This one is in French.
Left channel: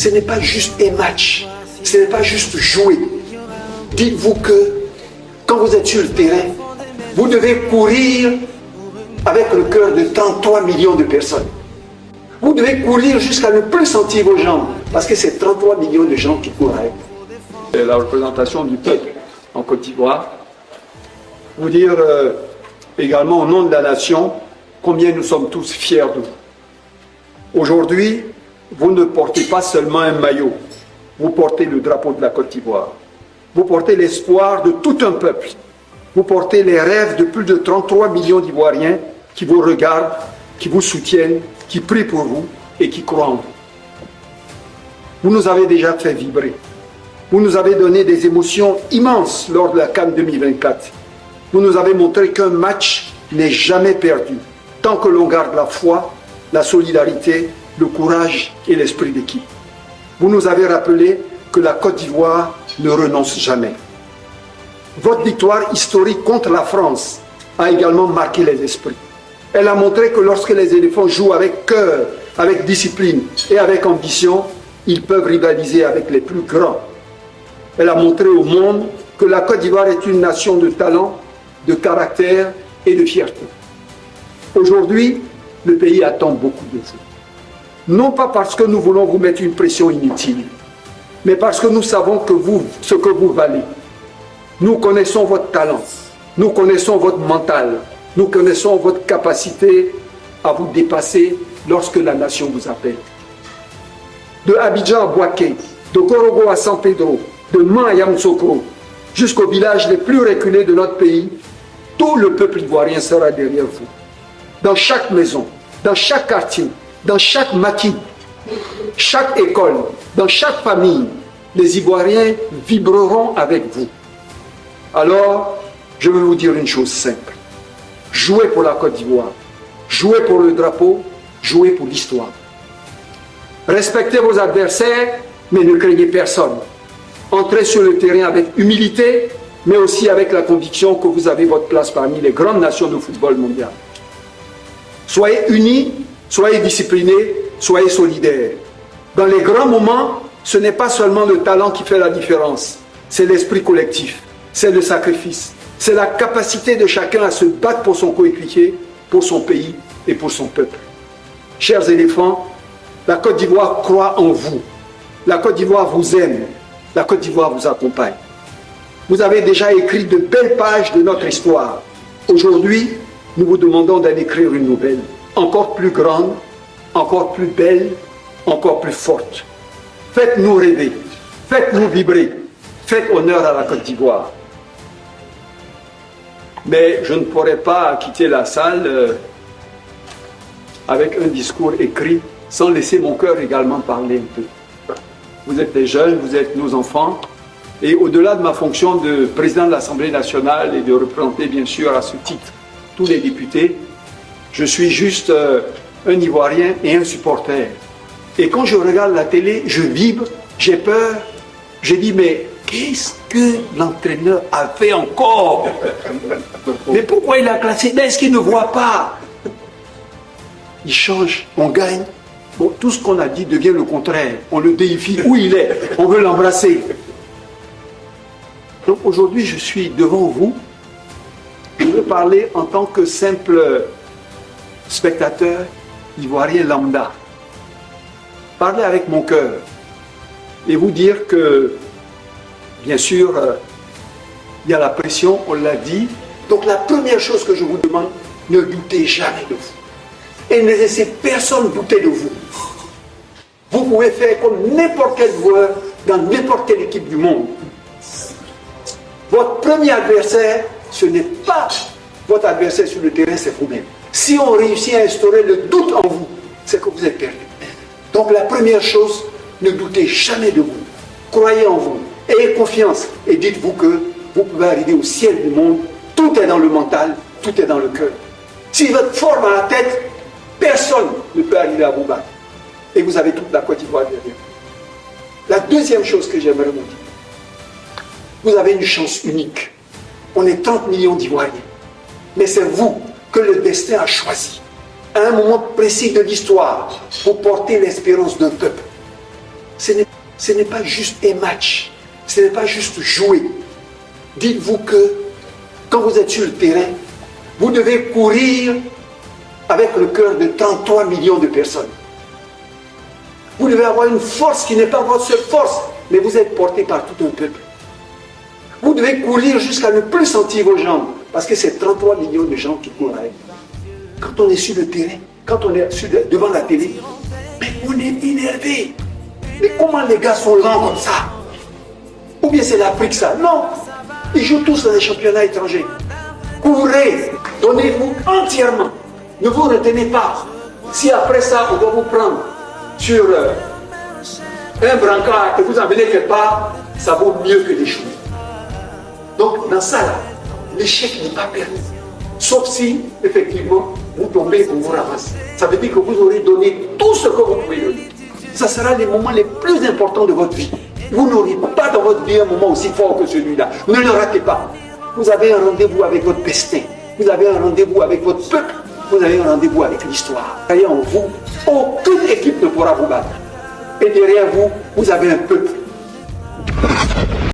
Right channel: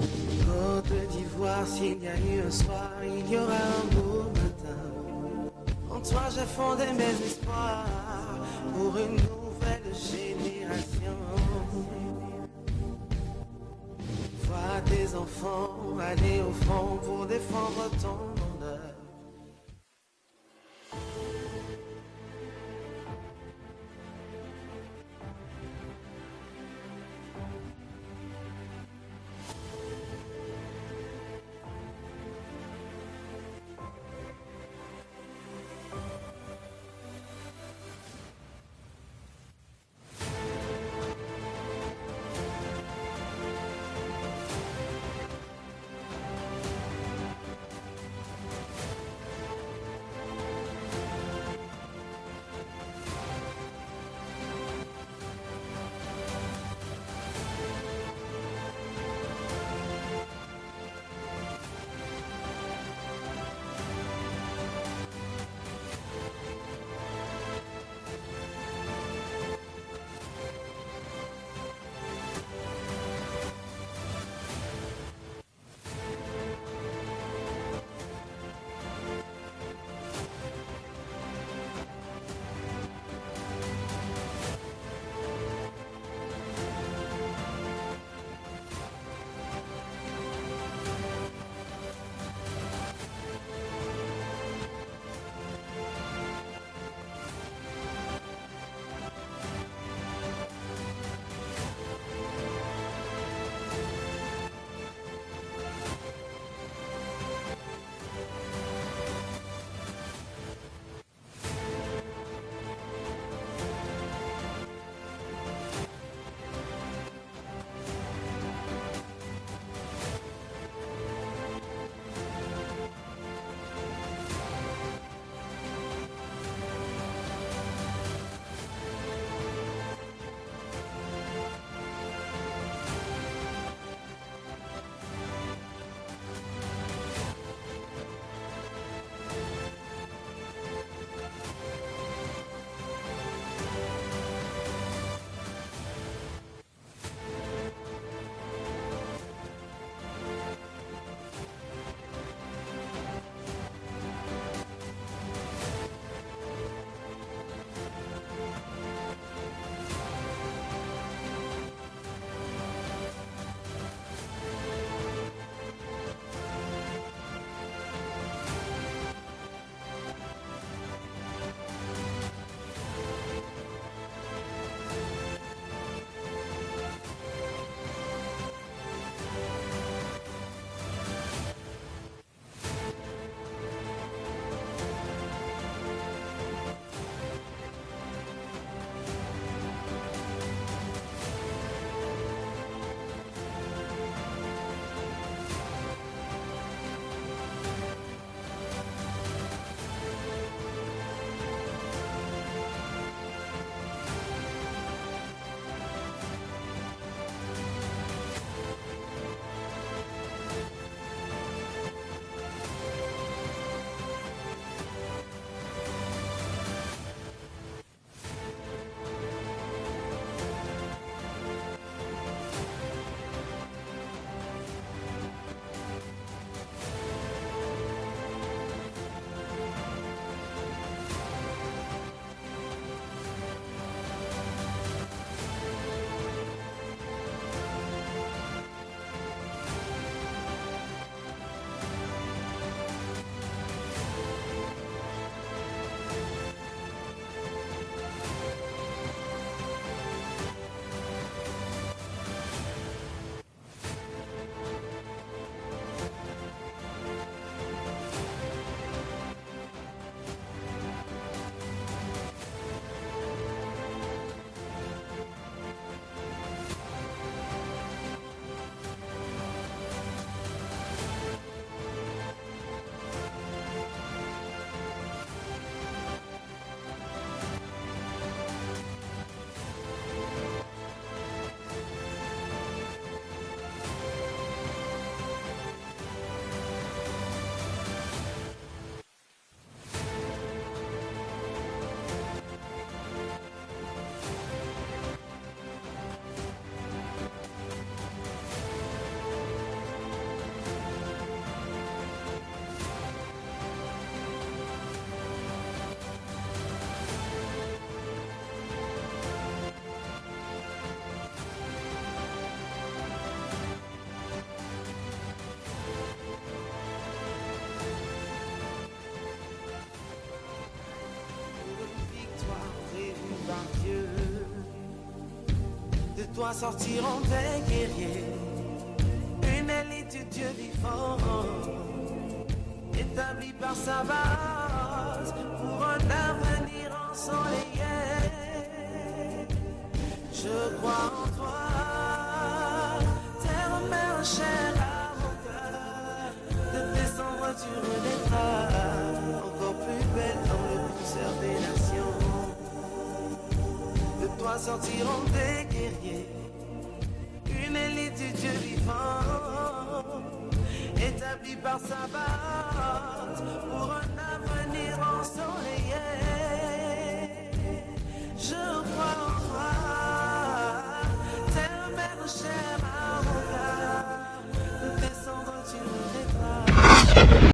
ce n'est pas juste un match, ce n'est pas juste jouer. Dites-vous que quand vous êtes sur le terrain, vous devez courir avec le cœur de 33 millions de personnes. Vous devez courir jusqu'à ne plus sentir vos jambes, parce que c'est 33 millions de gens qui courent avec vous. La représentation du peuple en Côte d'Ivoire, vous dire également au nom de la nation combien nous sommes tous fiers de vous. Aujourd'hui, vous ne portez pas seulement un maillot, vous portez le drapeau de la Côte d'Ivoire. Vous portez l'espoir de tout un peuple. Vous portez les rêves de plus de 33 millions d'Ivoiriens qui vous regardent, qui vous soutiennent, qui prient pour vous et qui croient en vous. Vous nous avez déjà fait vibrer. Vous nous avez donné des émotions immenses lors de la CAN 2024. Vous nous avez montré qu'un match n'est jamais perdu, tant que l'on garde la foi, la solidarité, le courage et l'esprit d'équipe. Vous nous avez rappelé que la Côte d'Ivoire ne renonce jamais. Votre victoire historique contre la France a également marqué les esprits. Elle a montré que lorsque les éléphants jouent avec cœur, avec discipline et avec ambition, ils peuvent rivaliser avec les plus grands. Elle a montré au monde que la Côte d'Ivoire est une nation de talent, de caractère et de fierté. Aujourd'hui, le pays attend beaucoup de vous. Non pas parce que nous voulons vous mettre une pression inutile, mais parce que nous savons que vous, ce que vous valez. Nous connaissons votre talent, nous connaissons votre mental, nous connaissons votre capacité à vous dépasser lorsque la nation vous appelle. De Abidjan à Bouaké, de Korogo à San Pedro, de Man à Yamoussoukro, jusqu'aux villages les plus reculés de notre pays, tout le peuple ivoirien sera derrière vous. Dans chaque maison, dans chaque quartier, dans chaque maquis, chaque école, dans chaque famille, les Ivoiriens vibreront avec vous. Alors, je veux vous dire une chose simple. Jouez pour la Côte d'Ivoire, jouez pour le drapeau, jouez pour l'histoire. Respectez vos adversaires, mais ne craignez personne. Entrez sur le terrain avec humilité, mais aussi avec la conviction que vous avez votre place parmi les grandes nations de football mondial. Soyez unis, soyez disciplinés, soyez solidaires. Dans les grands moments, ce n'est pas seulement le talent qui fait la différence, c'est l'esprit collectif, c'est le sacrifice, c'est la capacité de chacun à se battre pour son coéquipier, pour son pays et pour son peuple. Chers éléphants, la Côte d'Ivoire croit en vous. La Côte d'Ivoire vous aime. La Côte d'Ivoire vous accompagne. Vous avez déjà écrit de belles pages de notre histoire. Aujourd'hui, nous vous demandons d'aller écrire une nouvelle, encore plus grande, encore plus belle, encore plus forte. Faites-nous rêver, faites-nous vibrer, faites honneur à la Côte d'Ivoire. Mais je ne pourrais pas quitter la salle avec un discours écrit sans laisser mon cœur également parler un peu. Vous êtes des jeunes, vous êtes nos enfants, et au-delà de ma fonction de président de l'Assemblée nationale et de représenter bien sûr à ce titre tous les députés, je suis juste un Ivoirien et un supporter. Et quand je regarde la télé, je vibre, j'ai peur, je dis mais qu'est-ce que l'entraîneur a fait encore? Mais pourquoi il a classé? Est-ce qu'il ne voit pas? Il change, on gagne. Bon, tout ce qu'on a dit devient le contraire. On le déifie où il est. On veut l'embrasser. Donc aujourd'hui, je suis devant vous. Je veux parler en tant que simple spectateur ivoirien lambda. Parler avec mon cœur. Et vous dire que, bien sûr, il y a la pression, on l'a dit. Donc la première chose que je vous demande, ne doutez jamais de vous. Et ne laissez personne douter de vous. Vous pouvez faire comme n'importe quel joueur dans n'importe quelle équipe du monde. Votre premier adversaire, ce n'est pas votre adversaire sur le terrain, c'est vous-même. Si on réussit à instaurer le doute en vous, c'est que vous êtes perdu. Donc la première chose, ne doutez jamais de vous. Croyez en vous, ayez confiance et dites-vous que vous pouvez arriver au ciel du monde. Tout est dans le mental, tout est dans le cœur. Si vous êtes fort dans la tête, personne ne peut arriver à vous battre. Et vous avez toute la Côte d'Ivoire derrière vous. La deuxième chose que j'aimerais vous dire, vous avez une chance unique. On est 30 millions d'Ivoiriens. Mais c'est vous que le destin a choisi. À un moment précis de l'histoire, pour porter l'espérance d'un peuple. ce n'est pas juste un match, ce n'est pas juste jouer. Dites-vous que quand vous êtes sur le terrain, vous devez courir avec le cœur de 33 millions de personnes. Vous devez avoir une force qui n'est pas votre seule force, mais vous êtes porté par tout un peuple. Vous devez courir jusqu'à ne plus sentir vos jambes, parce que c'est 33 millions de gens qui courent avec. Quand on est sur le terrain, quand on est devant la télé, mais on est énervé. Mais comment les gars sont lents comme ça? Ou bien c'est l'Afrique ça? Non, ils jouent tous dans les championnats étrangers. Courez, donnez-vous entièrement. Ne vous retenez pas. Si après ça, on va vous prendre sur un brancard et vous emmener quelque part, ça vaut mieux que les choses. Donc, dans ça, l'échec n'est pas perdu. Sauf si, effectivement, vous tombez, vous vous ramassez. Ça veut dire que vous aurez donné tout ce que vous pouvez donner. Ça sera les moments les plus importants de votre vie. Vous n'aurez pas dans votre vie un moment aussi fort que celui-là. Ne le ratez pas. Vous avez un rendez-vous avec votre destin. Vous avez un rendez-vous avec votre peuple. Vous avez un rendez-vous avec l'histoire. Croyez en vous, aucune équipe ne pourra vous battre. Et derrière vous, vous avez un peuple.